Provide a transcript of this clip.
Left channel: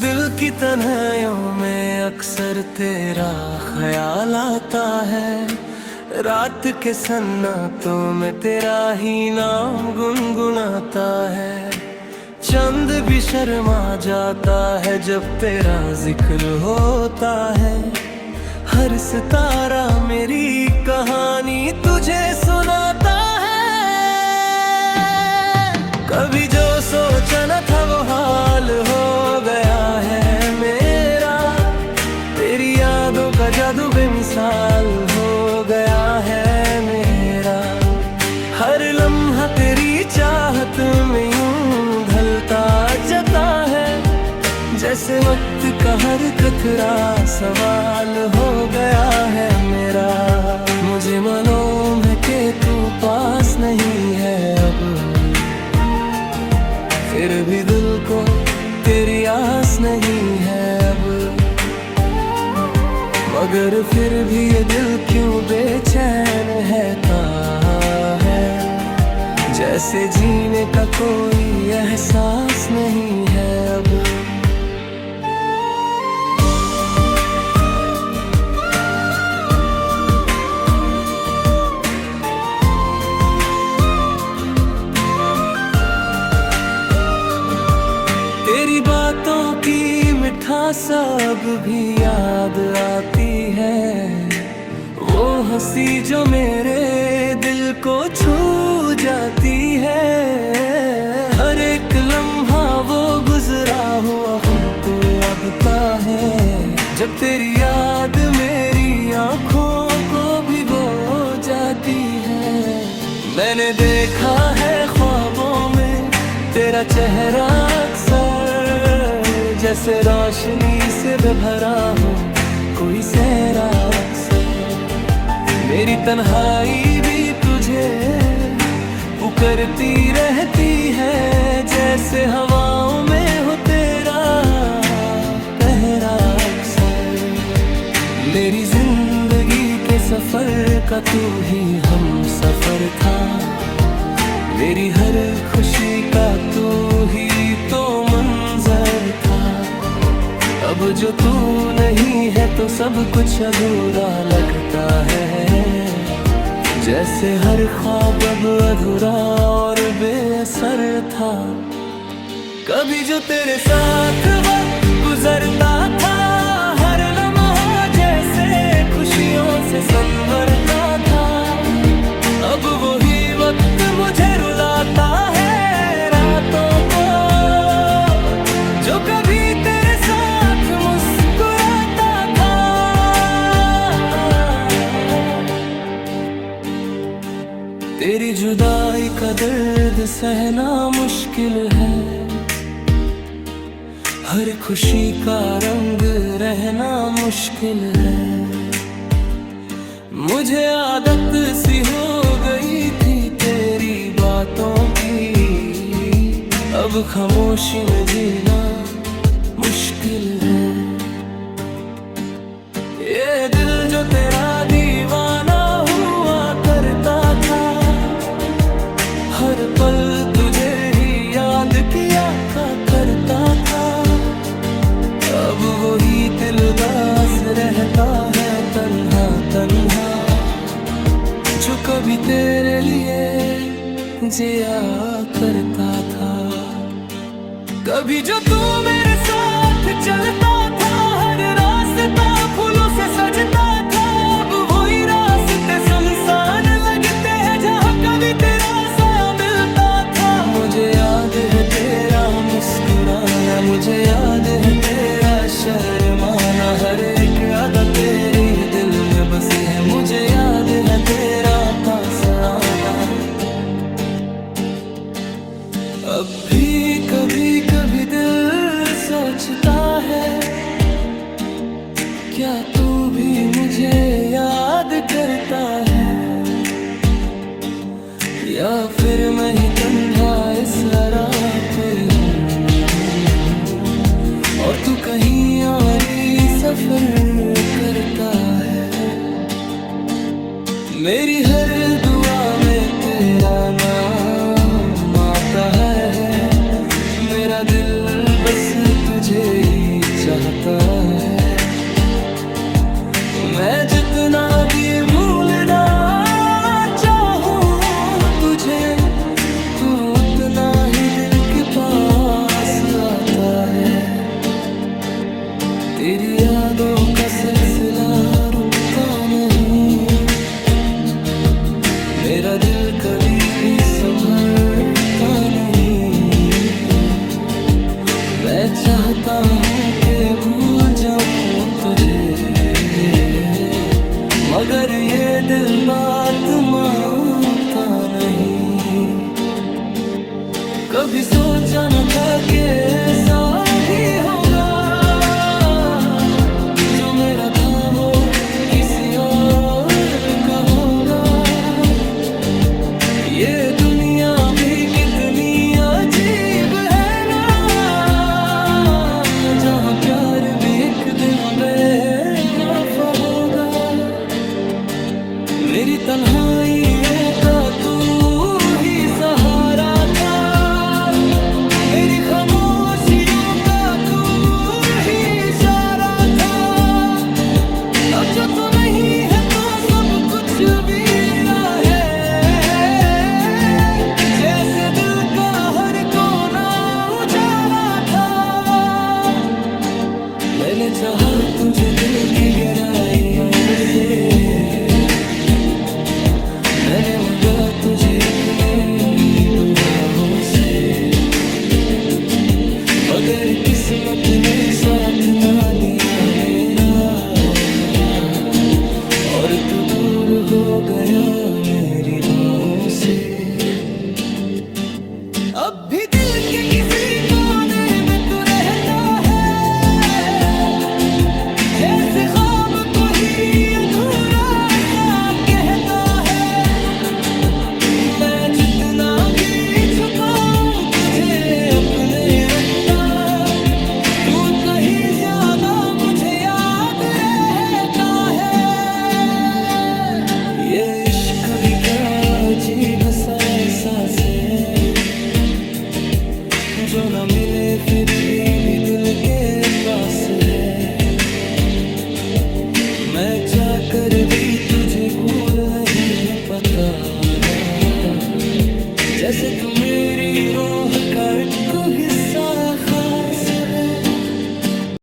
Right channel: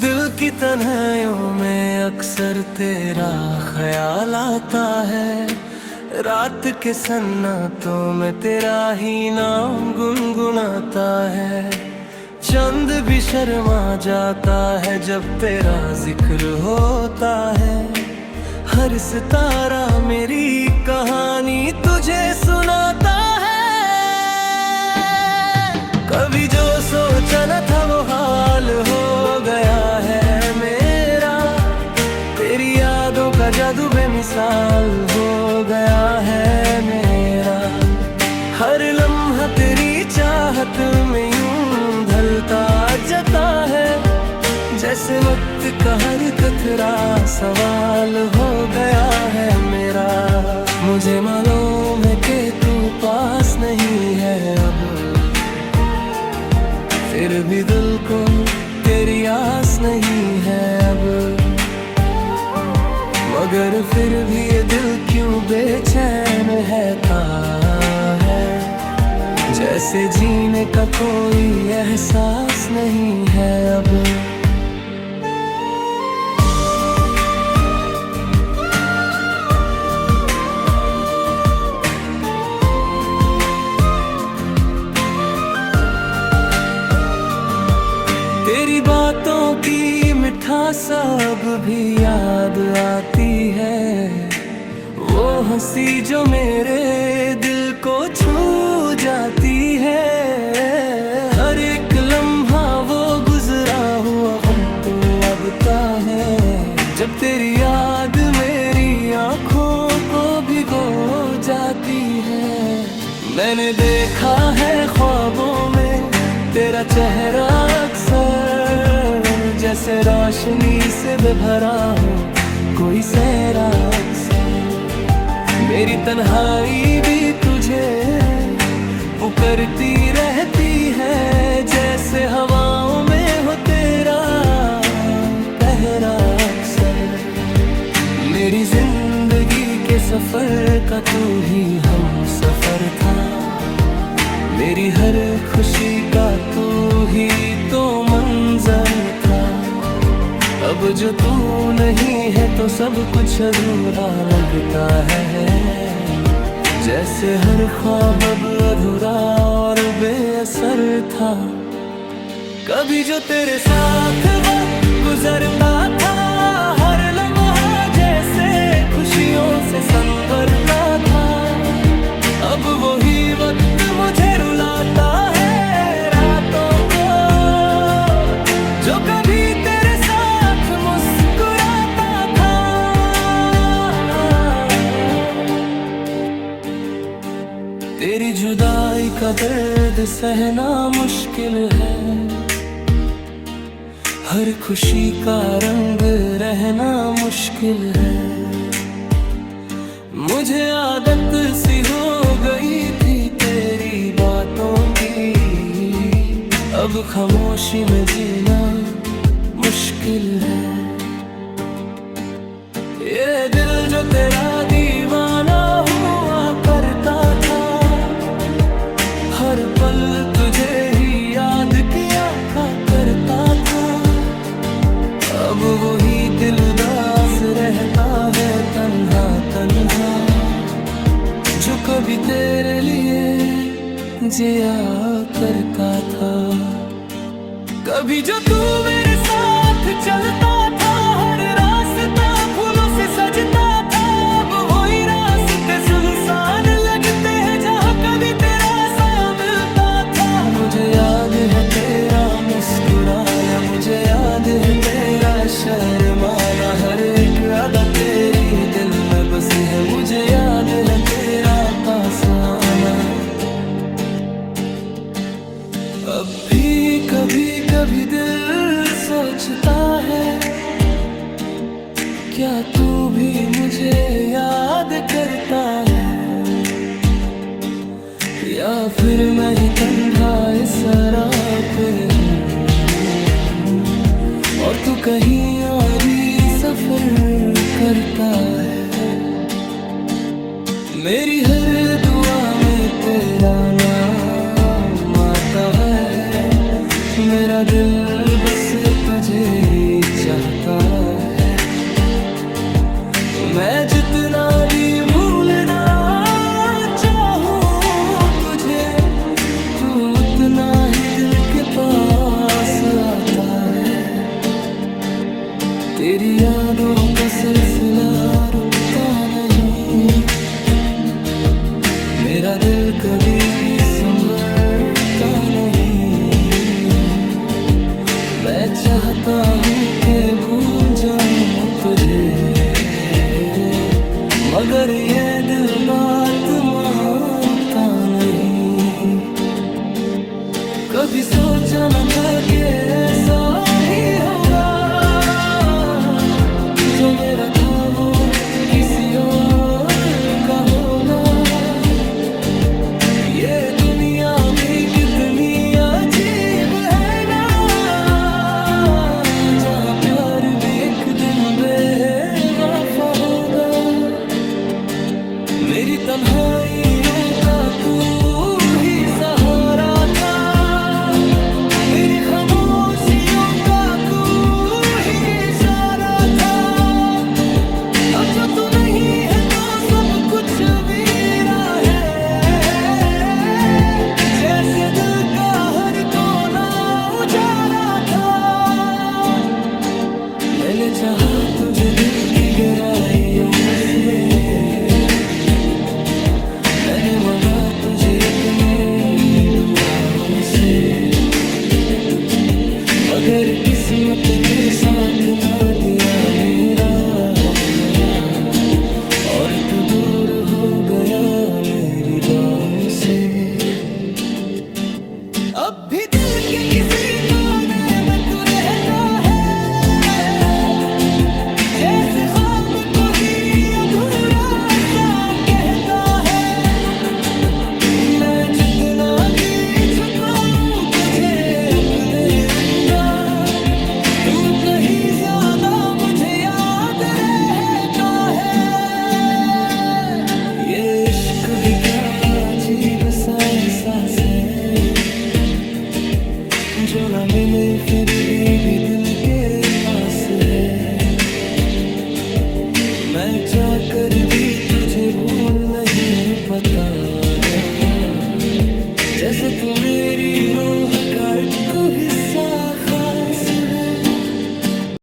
दिल की तन्हाइयों में अक्सर तेरा ख्याल आता है। रात के सन्नाटों में तेरा ही नाम गुनगुनाता है। चंद भी शर्मा जाता है जब तेरा जिक्र होता है। हर सितारा मेरी कहानी तुझे सुनाता है। कभी जो सोचा न था वो हाल हो गया है मेरा। तेरी यादों का जादू बेमिसाल हो गया है मेरा। हर लम्हा तेरी चाहत में यूं ढलता जाता है। जैसे वक्त का हर कतरा सवाल हो गया है मेरा। मुझे मालूम है कि तू पास नहीं है अब, फिर भी दिल को तेरी आस नहीं है अब। मगर फिर भी ये दिल क्यों बेचैन रहता है। जैसे जीने का कोई एहसास नहीं है अब। तेरी बातों की मिठास अब भी याद आती है। वो हंसी जो मेरे दिल को छू जाती है। हर एक लम्हा वो गुजरा हुआ हम तो अब ता है। जब तेरी याद मेरी आँखों को भिगो जाती है। मैंने देखा है ख्वाबों में तेरा चेहरा अक्सर, जैसे रोशनी से भरा हो कोई सहरा अक्सर। मेरी तन्हाई भी तुझे पुकारती रहती है। जैसे हवाओं में हो तेरा पहरा अक्सर। मेरी जिंदगी के सफर का तू ही हम सफर था। मेरी हर खुशी का तू ही तो मंजर था। अब जो तू नहीं है तो सब कुछ अधूरा लगता है। जैसे हर ख्वाब अब अधूरा और बेअसर था। कभी जो तेरे साथ वक्त गुजरता था, हर लम्हा जैसे खुशियों से संवरता था। अब वही वक्त मुझे रुलाता है रातों को, जो कभी तेरे साथ मुस्कुराता था। तेरी जुदाई का दर्द सहना मुश्किल है। हर खुशी का रंग रहना मुश्किल है। मुझे आदत सी हो गई थी तेरी बातों की। अब खामोशी में जीना मुश्किल है। ये दिल जो तेरा दीवाना हुआ करता था, हर पल तुझे ही याद किया करता था। अब वही दिल उदास रहता है तन्हा तन्हा, जो कभी तेरे लिए जिया करता था। कभी जो तू मेरे साथ चलता था, हर रास्ता फूलों से सजता था। अब वही रास्ते सुनसान लगते हैं जहाँ कभी तेरा साया मिलता था। मुझे याद है तेरा मुस्कुराना, मुझे याद है तेरा शर्माना। हर एक अदा तेरी दिल में बसी है। मुझे याद है तेरा पास आना। अब भी कभी कभी दिल सोचता है, क्या तू भी मुझे याद करता है। या फिर मैं ही तन्हा इस राह पे हूँ और तू कहीं और ही सफर करता है। मेरी हर दुआ में तेरा नाम आता है। मेरा दिल बस तुझे ही चाहता है। मैं जितना भी भूलना चाहूं तुझे, तू उतना ही दिल के पास आता है। तेरी यादों का सिलसिला रुकता नहीं, मेरा दिल कभी भी संभलता नहीं। मैं चाहता हूँ कि भूल जाऊं तुझे, मगर ये दिल बात मानता नहीं। कभी सोचा न था कि ऐसा भी होगा, जो मेरा था वो किसी और का होगा। ये दुनिया भी कितनी अजीब है ना, जहाँ प्यार भी एक दिन बेवफा होगा। मेरी तन्हाइयों का तू ही सहारा था, मेरी खामोशियों का तू ही इशारा था। अब जो तू नहीं है तो सब कुछ वीरा है, जैसे दिल का हर कोना उजारा था। मैंने चाहा तुझे दिल की गहराइयों से, मैंने मांगा तुझे अपनी दुआओं से, मगर किस्मत ने साथ ना दिया मेरा, और तू दूर हो गया मेरी बाहों से। अब भी दिल के किसी कोने में तू रहता है, जैसे ख्वाब को ही अधूरा सा कहता है। मैं जितना भी छुपाऊं तुझे अपने अंदर, तू उतना ही ज्यादा मुझे याद रहता है। ये इश्क भी क्या अजीब सा एहसास है, जो ना मिले फिर भी दिल के पास है। मैं चाहकर भी तुझे भूल नहीं पता, जैसे तू मेरी रूह का एक हिस्सा खास है।